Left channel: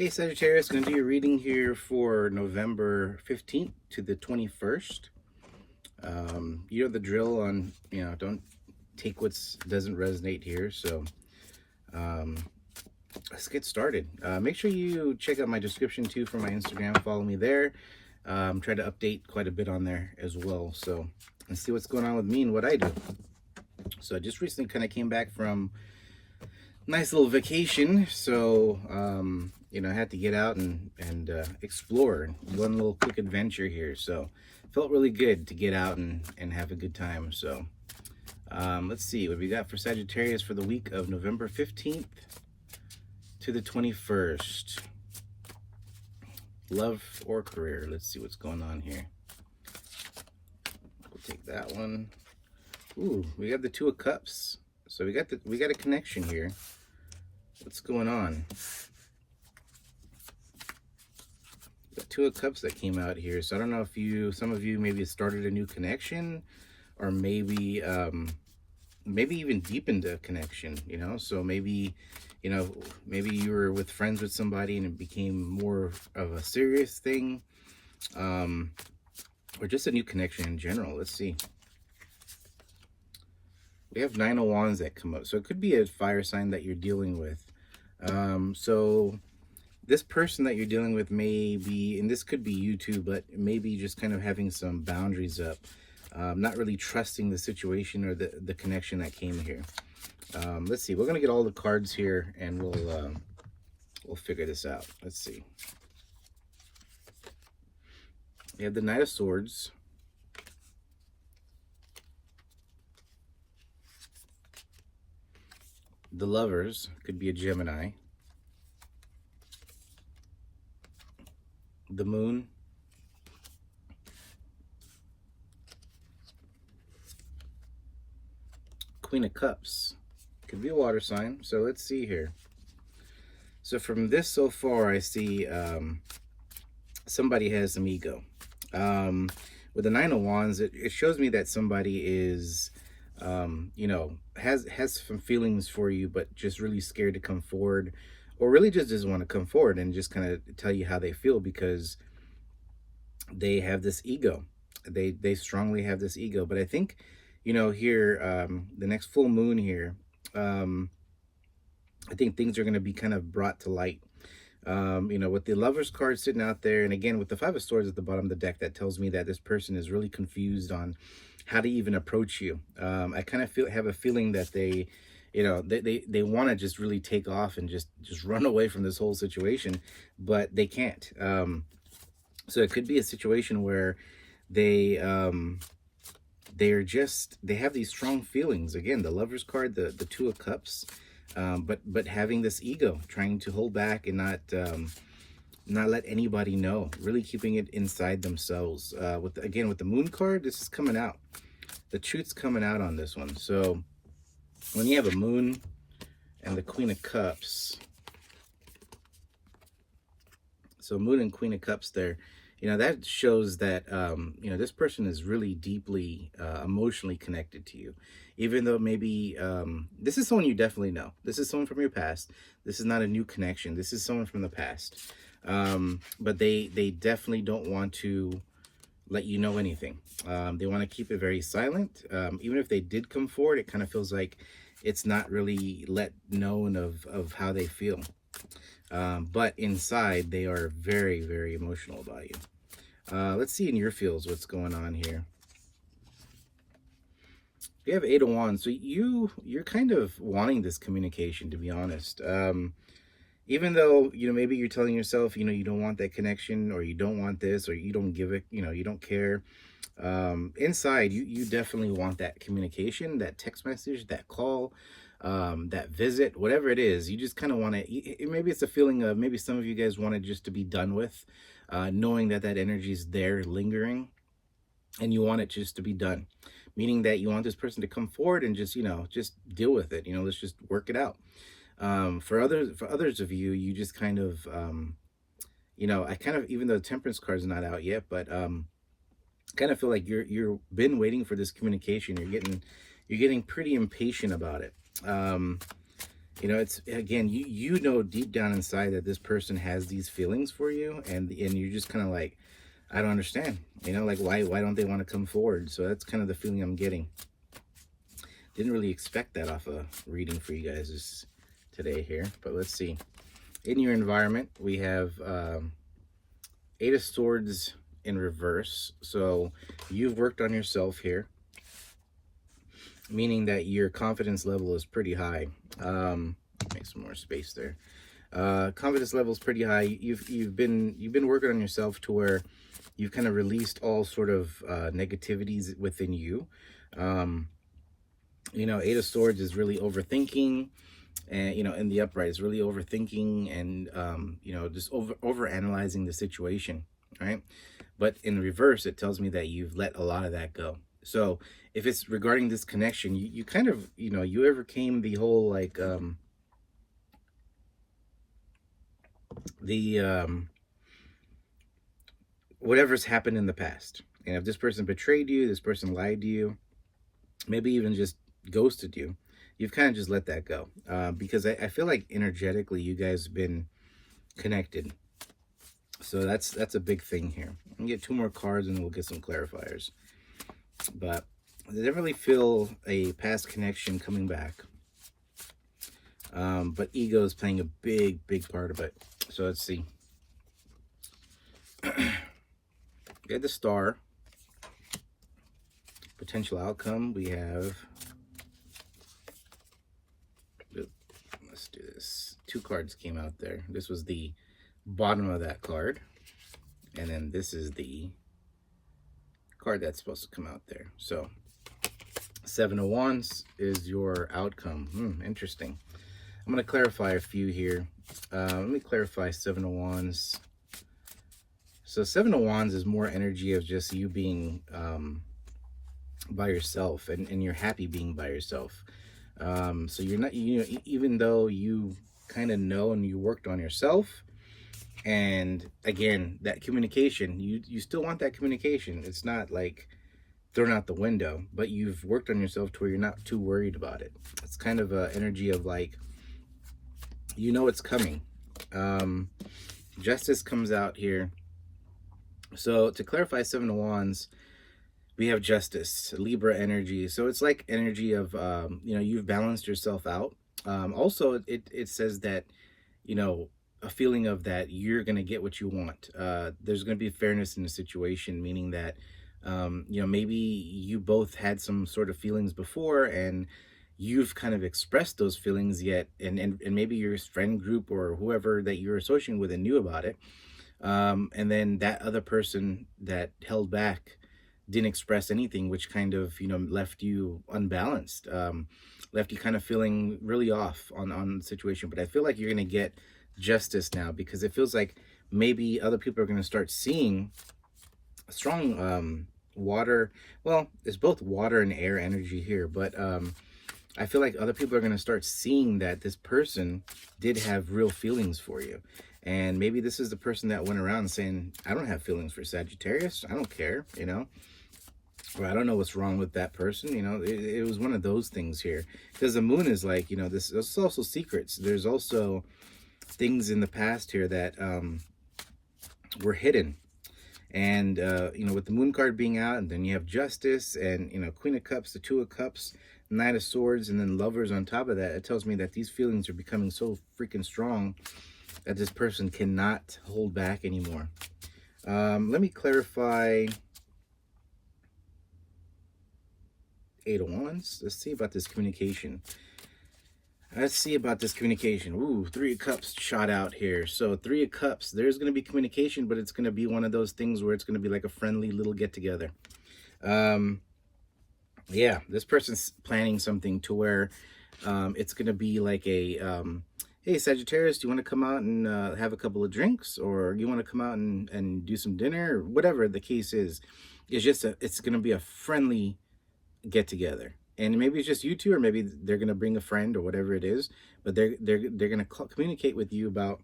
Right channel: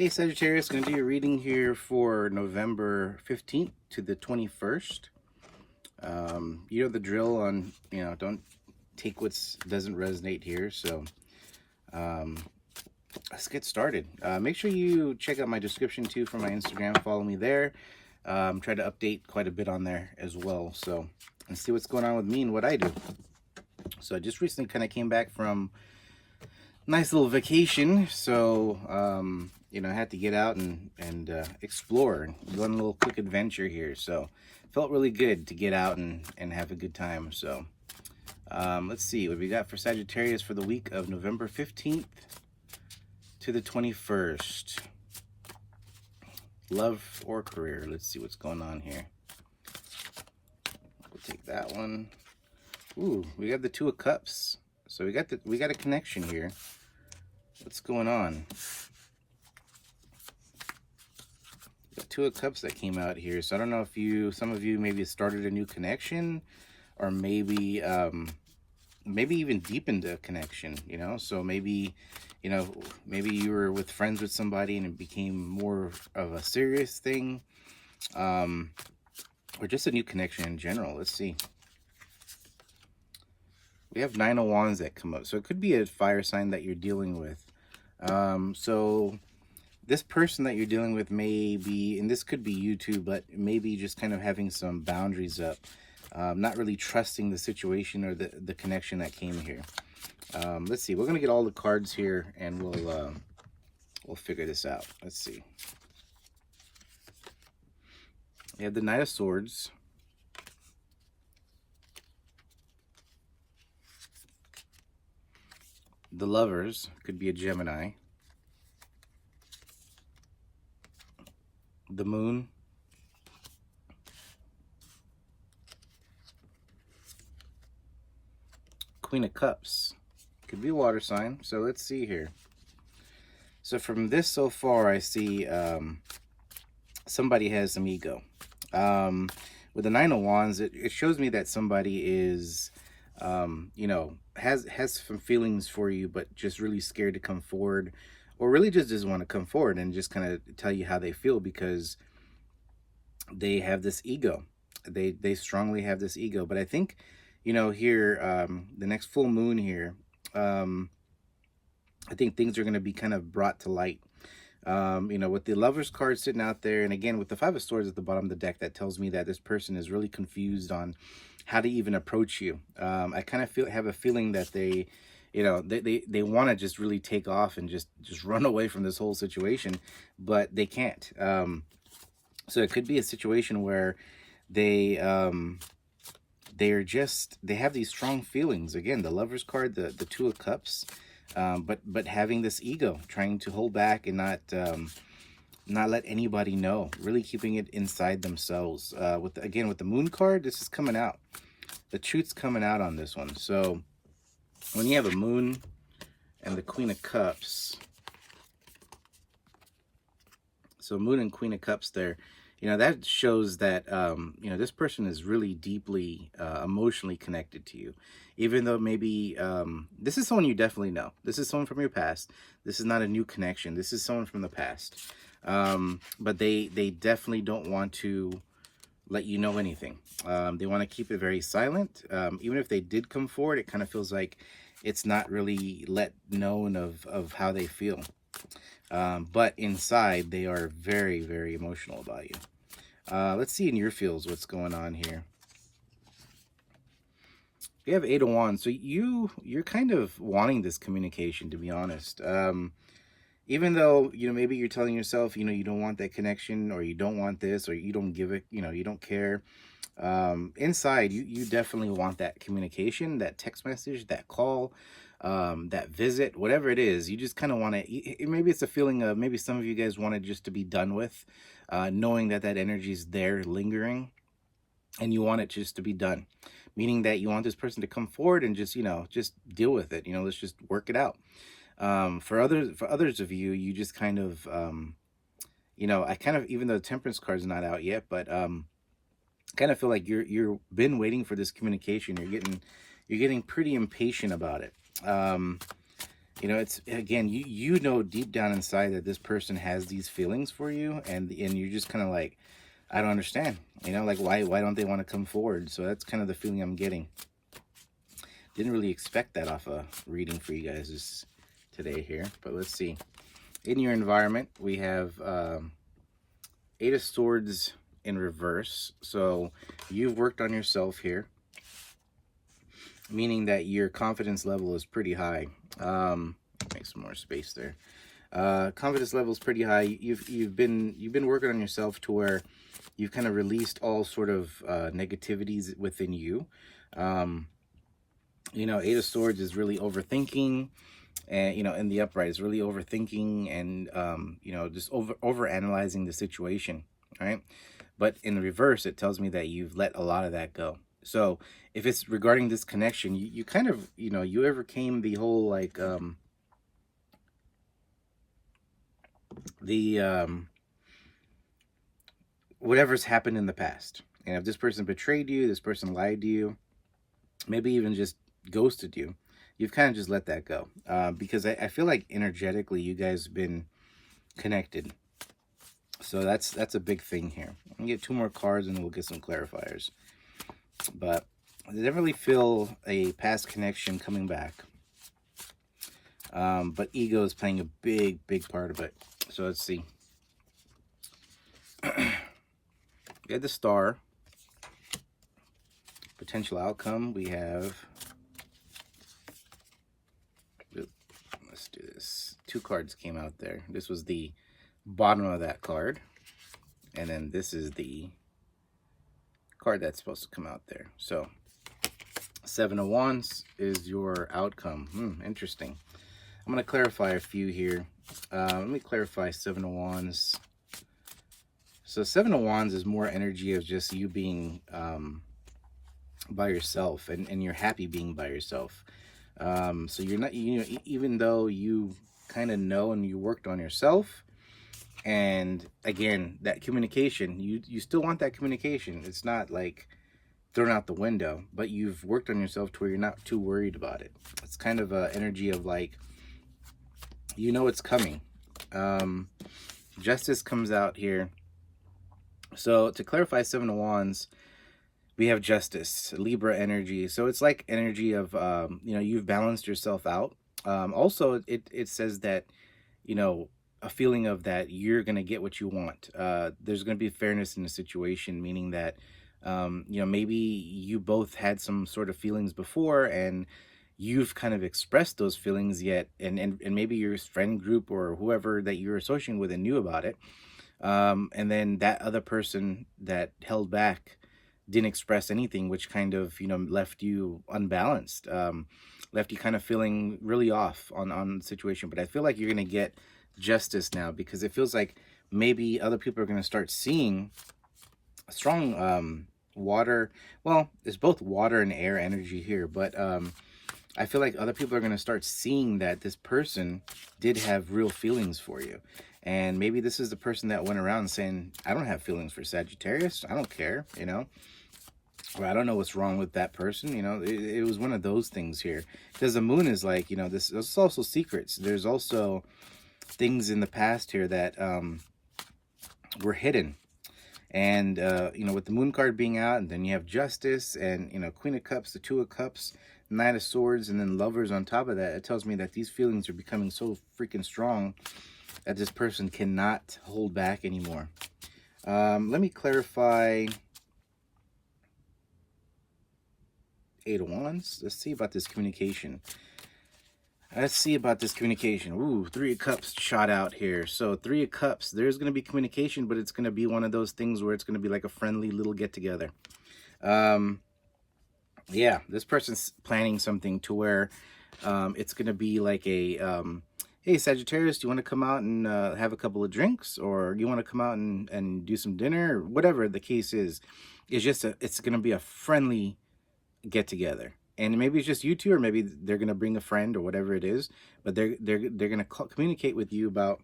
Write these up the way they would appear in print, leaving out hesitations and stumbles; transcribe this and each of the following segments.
Hey Sagittarius, going to do your reading here for November 15th to the 21st. You know the drill on, don't take what doesn't resonate here. So let's get started. Make sure you check out my description too for my Instagram. Follow me there. Try to update quite a bit on there as well. So let's see what's going on with me and what I do. So I just recently kind of came back from nice little vacation. So I had to get out and explore and go on a little quick adventure here. So felt really good to get out and have a good time. So let's see what we got for Sagittarius for the week of November 15th to the 21st. Love or career. Let's see what's going on here. We'll take that one. Ooh, we got the Two of Cups. So we got a connection here. What's going on? The Two of Cups that came out here. So I don't know if some of you maybe started a new connection, or maybe even deepened a connection, so maybe you were with friends with somebody and it became more of a serious thing, or just a new connection in general. Let's see. We have Nine of Wands that come up, so it could be a fire sign that you're dealing with. So this person that you're dealing with may be, and this could be you too, but maybe just kind of having some boundaries up, not really trusting the situation or the connection that came here. Let's see. We're gonna get all the cards here, and we'll figure this out. Let's see. We have the Knight of Swords. The Lovers, could be a Gemini. The Moon. Queen of Cups, could be a water sign. So let's see here. So from this so far, I see somebody has some ego. With the Nine of Wands, it shows me that somebody is has some feelings for you, but just really scared to come forward, or really just doesn't want to come forward and just kind of tell you how they feel, because they have this ego. They strongly have this ego. But I think, here, the next full moon here, I think things are going to be kind of brought to light. With the Lovers card sitting out there, and again with the Five of Swords at the bottom of the deck, that tells me that this person is really confused on how to even approach you. I kind of have a feeling that they want to just really take off and just run away from this whole situation, but they can't. So it could be a situation where they have these strong feelings. Again, the Lovers card, the Two of Cups, but having this ego, trying to hold back and not let anybody know, really keeping it inside themselves. With the Moon card, this is coming out. The truth's coming out on this one. So when you have a Moon and the Queen of Cups, so Moon and Queen of Cups there, that shows that this person is really deeply emotionally connected to you. Even though maybe this is someone you definitely know. This is someone from your past. This is not a new connection. This is someone from the past. But they definitely don't want to let you know anything. They want to keep it very silent. Even if they did come forward, it kind of feels like it's not really let known of how they feel. But inside, they are very, very emotional about you. Let's see in your feels what's going on here. You have Eight of Wands, so you're kind of wanting this communication, to be honest. Even though, maybe you're telling yourself, you don't want that connection, or you don't want this, or you don't give it, you don't care. Inside, you definitely want that communication, that text message, that call, that visit, whatever it is. You just kind of want to, maybe it's a feeling of, maybe some of you guys want it just to be done with, knowing that energy is there lingering, and you want it just to be done. Meaning that you want this person to come forward and just, just deal with it. Let's just work it out. For others of you, you just kind of, I kind of, even though the Temperance card's not out yet, but kind of feel like you've been waiting for this communication. You're getting pretty impatient about it. You know, it's, again, you know deep down inside that this person has these feelings for you, and you're just kind of like, I don't understand. You know, like, why don't they want to come forward? So that's kind of the feeling I'm getting. Didn't really expect that off a reading for you guys today here, but let's see. In your environment, we have Eight of Swords in reverse. So you've worked on yourself here, meaning that your confidence level is pretty high. Make some more space there. Confidence level is pretty high. You've been working on yourself to where you've kind of released all sort of negativities within you. You know, Eight of Swords is really overthinking, and, you know, in the upright is really overthinking and, you know, just over analyzing the situation, right? But in the reverse, it tells me that you've let a lot of that go. So if it's regarding this connection, you kind of, you know, you overcame the whole, like, whatever's happened in the past. And if this person betrayed you, this person lied to you, maybe even just ghosted you, you've kind of just let that go. Because I feel like energetically you guys have been connected. So that's a big thing here. I'm gonna get two more cards and we'll get some clarifiers. But I definitely feel a past connection coming back. But ego is playing a big part of it. So let's see. We had the Star. Potential outcome. We have, let's do this. Two cards came out there. This was the bottom of that card. And then this is the card that's supposed to come out there. So Seven of Wands is your outcome. Interesting. I'm going to clarify a few here. Let me clarify Seven of Wands. So Seven of Wands is more energy of just you being by yourself, and you're happy being by yourself. So you're not, you know, even though you kind of know and you worked on yourself, and again, that communication, you still want that communication. It's not like thrown out the window, but you've worked on yourself to where you're not too worried about it. It's kind of a energy of like, you know, it's coming. Justice comes out here. So to clarify Seven of Wands, we have Justice, Libra energy. So it's like energy of, you know, you've balanced yourself out. Also, it says that, you know, a feeling of that you're going to get what you want. There's going to be fairness in the situation, meaning that, you know, maybe you both had some sort of feelings before and you've kind of expressed those feelings yet, and maybe your friend group or whoever that you're associating with and knew about it. And then that other person that held back didn't express anything, which kind of, you know, left you unbalanced, left you kind of feeling really off on the situation. But I feel like you're going to get justice now, because it feels like maybe other people are going to start seeing a strong water. Well, it's both water and air energy here, but I feel like other people are going to start seeing that this person did have real feelings for you. And maybe this is the person that went around saying, I don't have feelings for Sagittarius. I don't care, you know. Or I don't know what's wrong with that person, you know. It was one of those things here. Because the moon is like, you know, there's also secrets. There's also things in the past here that were hidden. And, you know, with the moon card being out, and then you have Justice and, you know, Queen of Cups, the Two of Cups, Knight of Swords, and then Lovers on top of that. It tells me that these feelings are becoming so freaking strong that this person cannot hold back anymore. Let me clarify Eight of Wands. Let's see about this communication. Ooh, Three of Cups shot out here. So Three of Cups, there's going to be communication, but it's going to be one of those things where it's going to be like a friendly little get-together. Yeah, this person's planning something to where it's going to be like a, hey, Sagittarius, do you want to come out and have a couple of drinks? Or you want to come out and do some dinner? Or whatever the case is. It's just, it's going to be a friendly get-together. And maybe it's just you two, or maybe they're going to bring a friend or whatever it is. But they're going to communicate with you about,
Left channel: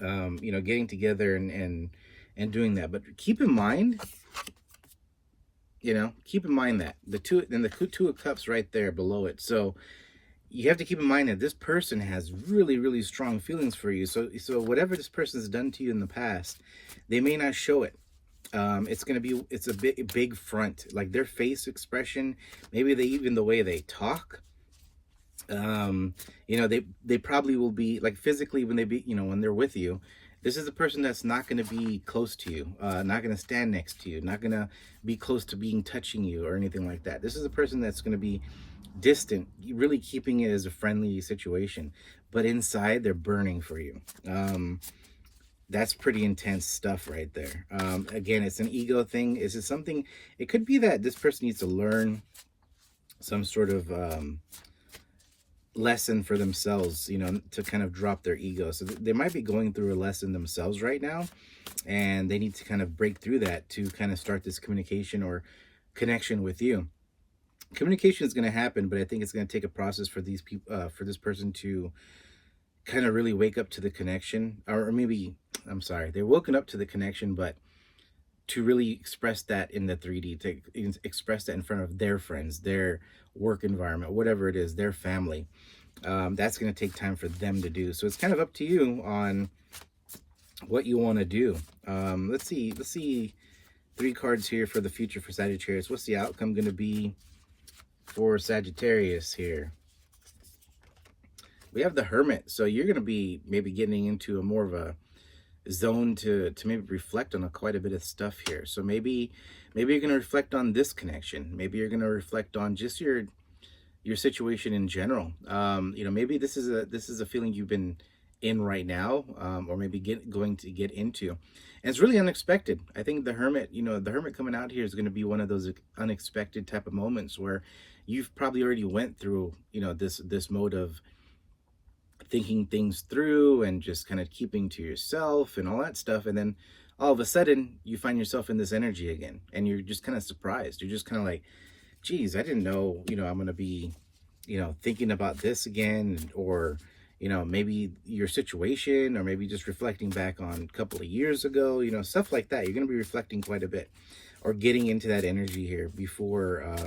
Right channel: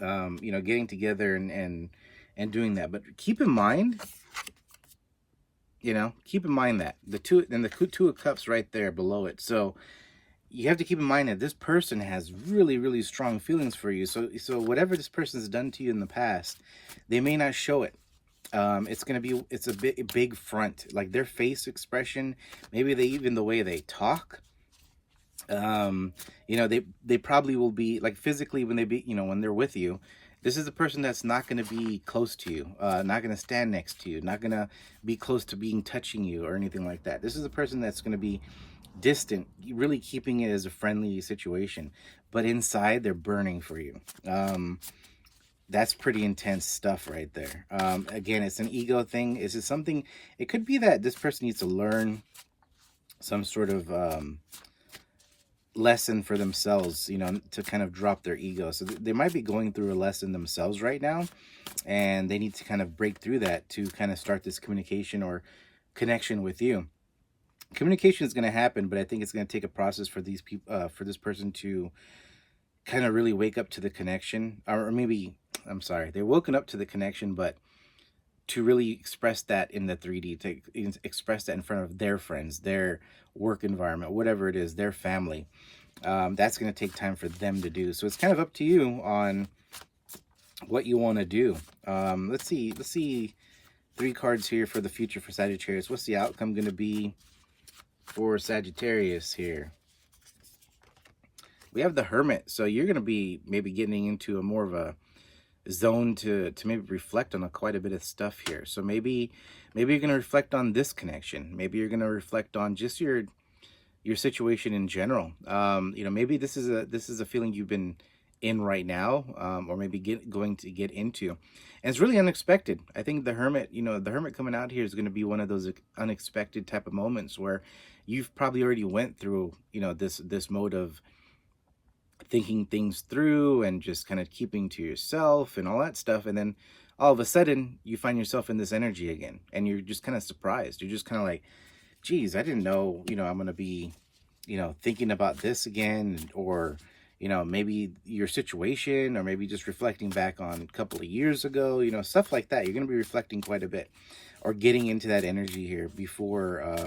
you know, getting together and doing that. But keep in mind, you know, keep in mind that the Two of Cups right there below it. So you have to keep in mind that this person has really, really strong feelings for you. So whatever this person's done to you in the past, they may not show it. It's going to be, it's a big front, like their face expression, maybe even the way they talk. You know, they probably will be like physically when they be, you know, when they're with you, this is a person that's not going to be close to you, not going to stand next to you, not going to be close to being touching you or anything like that. This is a person that's going to be distant, really keeping it as a friendly situation, but inside they're burning for you. That's pretty intense stuff right there. Again, it's an ego thing. Is it something, it could be that this person needs to learn some sort of lesson for themselves, you know, to kind of drop their ego. So they might be going through a lesson themselves right now, and they need to kind of break through that to kind of start this communication or connection with you. Communication is going to happen, but I think it's going to take a process for these people, for this person to kind of really wake up to the connection, or maybe, I'm sorry, they're woken up to the connection, but to really express that in the 3D, to express that in front of their friends, their work environment, whatever it is, their family. That's going to take time for them to do. So it's kind of up to you on what you want to do. Let's see 3 cards here for the future for Sagittarius. What's the outcome going to be for Sagittarius here? We have the Hermit. So you're going to be maybe getting into a more of a zone to maybe reflect on quite a bit of stuff here. So maybe you're going to reflect on this connection. Maybe you're going to reflect on just your situation in general. You know, maybe this is a feeling you've been in right now, or maybe going to get into, and it's really unexpected. I think the Hermit, you know, the Hermit coming out here is going to be one of those unexpected type of moments where you've probably already went through, you know, this mode of thinking things through and just kind of keeping to yourself and all that stuff, and then all of a sudden you find yourself in this energy again, and you're just kind of surprised. You're just kind of like, geez, I didn't know, you know, I'm going to be, you know, thinking about this again, or, you know, maybe your situation, or maybe just reflecting back on a couple of years ago, you know, stuff like that. You're going to be reflecting quite a bit, or getting into that energy here before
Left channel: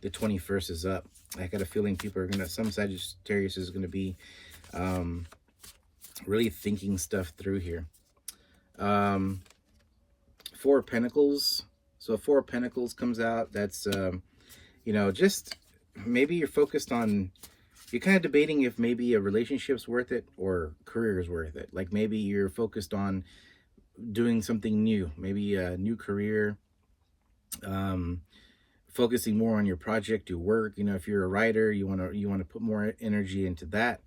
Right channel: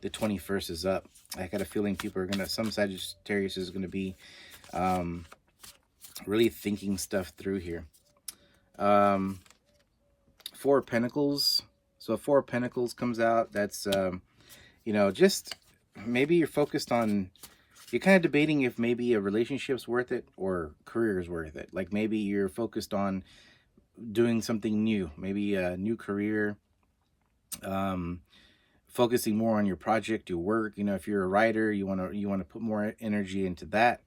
the 21st is up. I got a feeling people are going to, some Sagittarius is going to be really thinking stuff through here. 4 of Pentacles. So 4 of Pentacles comes out. That's, you know, just maybe you're focused on, you're kind of debating if maybe a relationship's worth it or career is worth it. Like maybe you're focused on doing something new, maybe a new career, focusing more on your project, your work. You know, if you're a writer, you want to put more energy into that.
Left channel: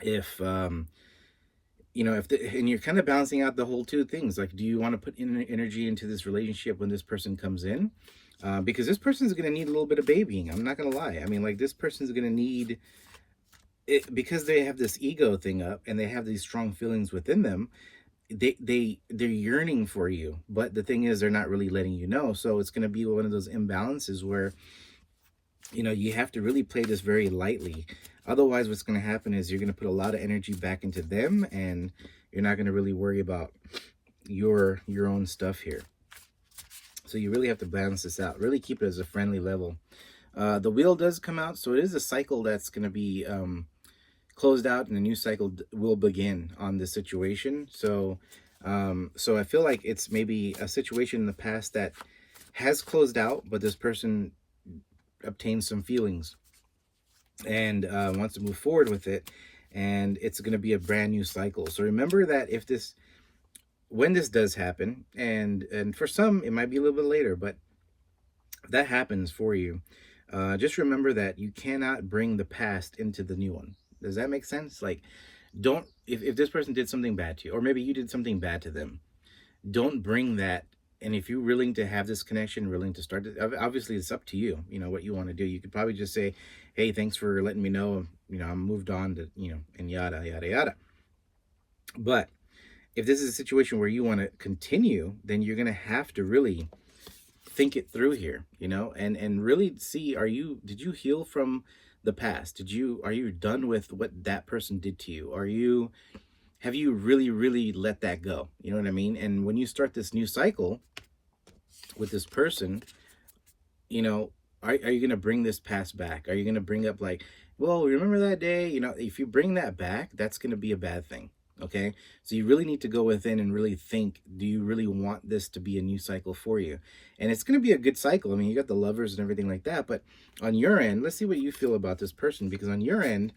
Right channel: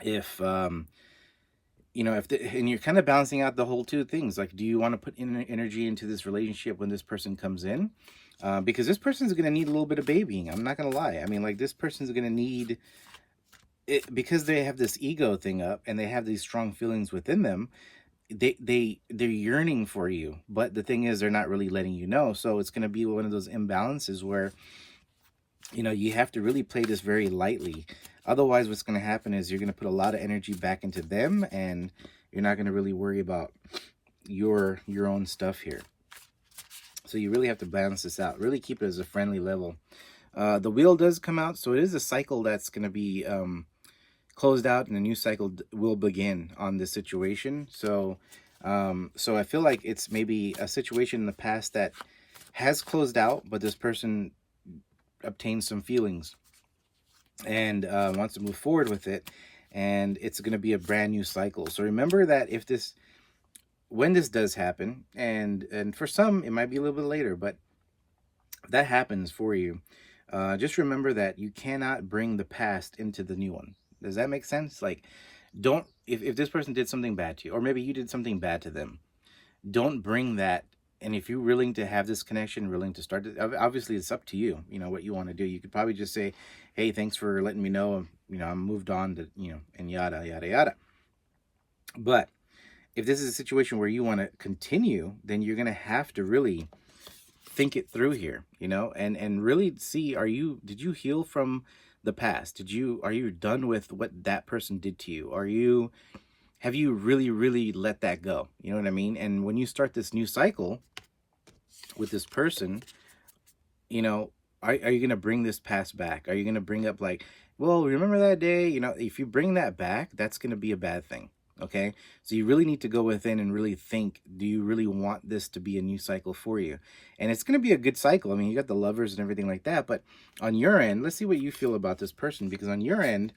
If you know, and you're kind of balancing out the whole 2 things. Like, do you want to put energy into this relationship when this person comes in? Because this person's going to need a little bit of babying. I'm not going to lie. I mean, like, this person's going to need it because they have this ego thing up and they have these strong feelings within them. They're yearning for you, but the thing is, they're not really letting you know. So it's going to be one of those imbalances where, you know, you have to really play this very lightly. Otherwise, what's going to happen is you're going to put a lot of energy back into them, and you're not going to really worry about your own stuff here. So you really have to balance this out. Really keep it as a friendly level. The Wheel does come out, so it is a cycle that's going to be closed out, and a new cycle will begin on this situation. So so I feel like it's maybe a situation in the past that has closed out, but this person obtained some feelings and wants to move forward with it, and it's going to be a brand new cycle. So remember that when this does happen, and for some it might be a little bit later, but that happens for you, just remember that you cannot bring the past into the new one. Does that make sense? Like, don't, if this person did something bad to you, or maybe you did something bad to them, don't bring that. And if you're willing to have this connection, willing to start it, obviously it's up to you, you know, what you want to do. You could probably just say, hey, thanks for letting me know, you know, I'm moved on to, you know, and yada, yada, yada. But if this is a situation where you want to continue, then you're going to have to really think it through here, you know, and really see, did you heal from the past? Are you done with what that person did to you? Have you really, really let that go? You know what I mean? And when you start this new cycle with this person, you know, are you going to bring this past back? Are you going to bring up, like, Well, remember that day, if you bring that back, that's going to be a bad thing. Okay. So you really need to go within and really think, do you really want this to be a new cycle for you? And it's going to be a good cycle. I mean, you got the lovers and everything like that. But on your end, let's see what you feel about this person, because on your end,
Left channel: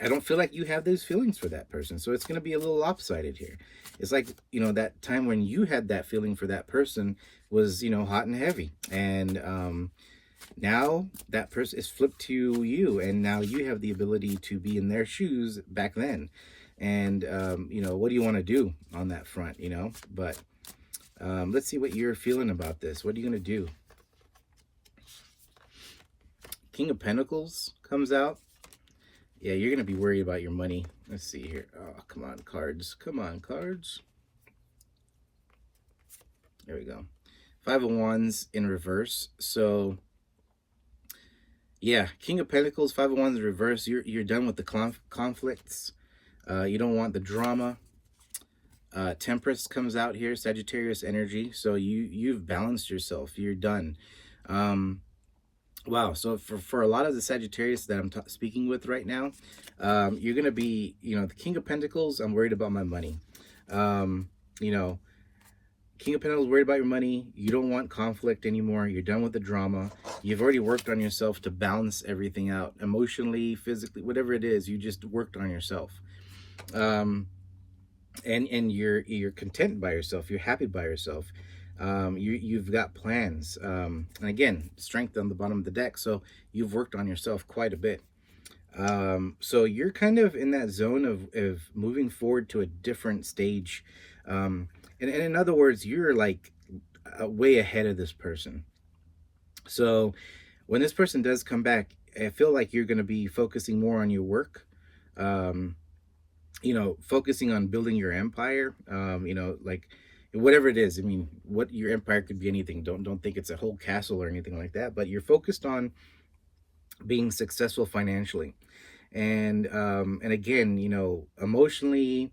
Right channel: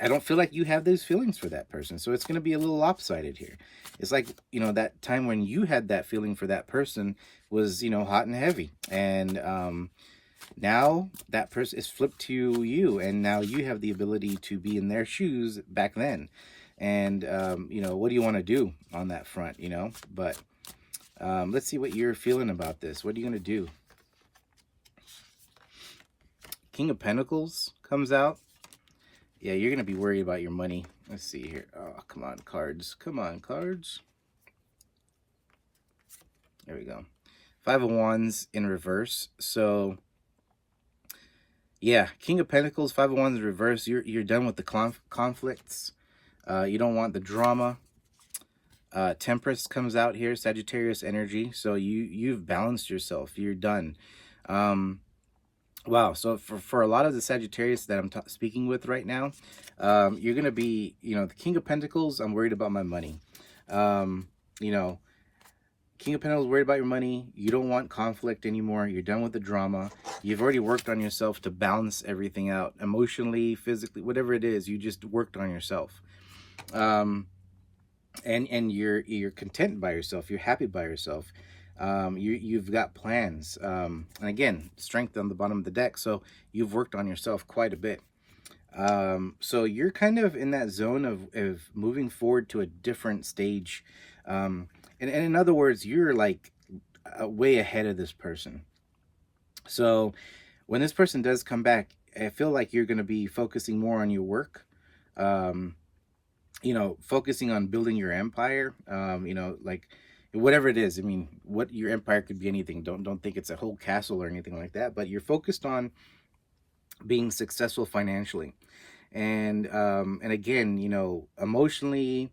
I don't feel like you have these feelings for that person. So it's going to be a little lopsided here. It's like, that time when you had that feeling for that person was, hot and heavy. And, now that person is flipped to you, and now you have the ability to be in their shoes back then. And, what do you want to do on that front, But let's see what you're feeling about this. What are you going to do? King of Pentacles comes out. Yeah, you're going to be worried about your money. Let's see here. Oh, come on, cards. Come on, cards. There we go. Five of Wands in reverse. So, yeah, King of Pentacles, Five of Wands in reverse. You're done with the conflicts. You don't want the drama. Temperance comes out here, Sagittarius energy. So you've balanced yourself. You're done. Wow. So for a lot of the Sagittarius that I'm speaking with right now, you're going to be, the King of Pentacles, I'm worried about my money. King of Pentacles, worried about your money. You don't want conflict anymore. You're done with the drama. You've already worked on yourself to balance everything out, emotionally, physically, whatever it is. You just worked on yourself, and you're content by yourself. You're happy by yourself. You've got plans, and again, strength on the bottom of the deck. So you've worked on yourself quite a bit. So you're kind of in that zone of moving forward to a different stage. And in other words, you're like way ahead of this person. So when this person does come back, I feel like you're going to be focusing more on your work, focusing on building your empire, like whatever it is. I mean, what your empire could be anything. Don't think it's a whole castle or anything like that, but you're focused on being successful financially. And again, emotionally,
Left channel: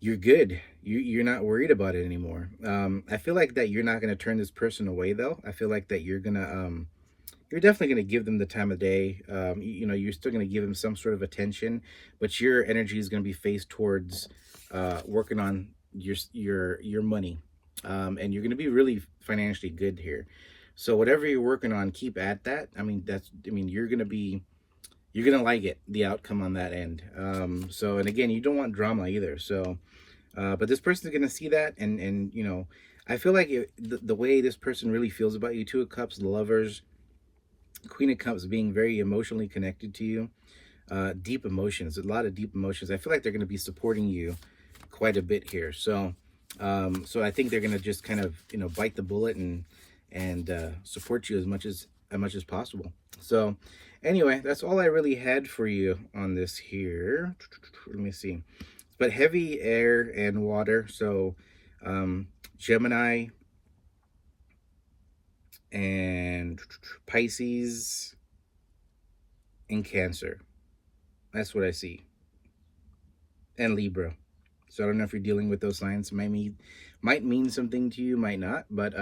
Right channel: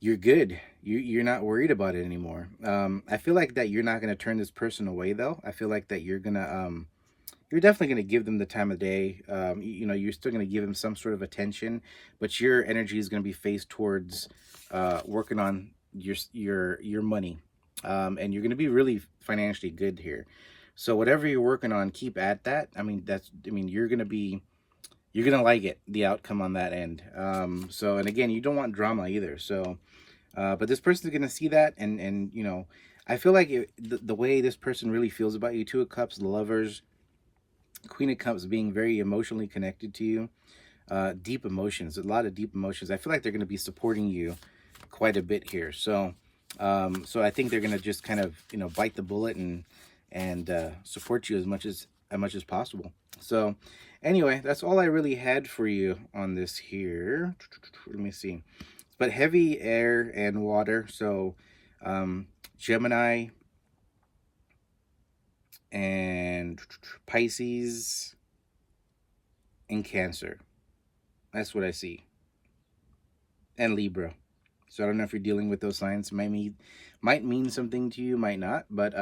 you're good. You're not worried about it anymore. I feel like that you're not going to turn this person away, though. I feel like that you're definitely going to give them the time of day. You're still going to give them some sort of attention, but your energy is going to be faced towards working on your money, and you're going to be really financially good here. So whatever you're working on, keep at that. You're going to like it, the outcome on that end. And again, you don't want drama either. So, but this person is going to see that. And I feel like the way this person really feels about you, Two of Cups, the Lovers, Queen of Cups, being very emotionally connected to you, deep emotions, a lot of deep emotions. I feel like they're going to be supporting you quite a bit here. So, I think they're going to just kind of, bite the bullet and support you as much as possible. So anyway, that's all I really had for you on this here. Let me see. But heavy air and water. So Gemini and Pisces and Cancer. That's what I see. And Libra. So I don't know if you're dealing with those signs. Might mean something to you, might not. But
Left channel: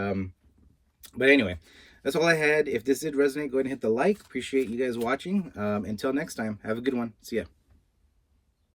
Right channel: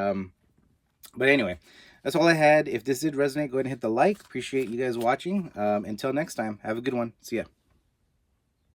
anyway, that's all I had. If this did resonate, go ahead and hit the like. Appreciate you guys watching. Until next time, have a good one. See ya.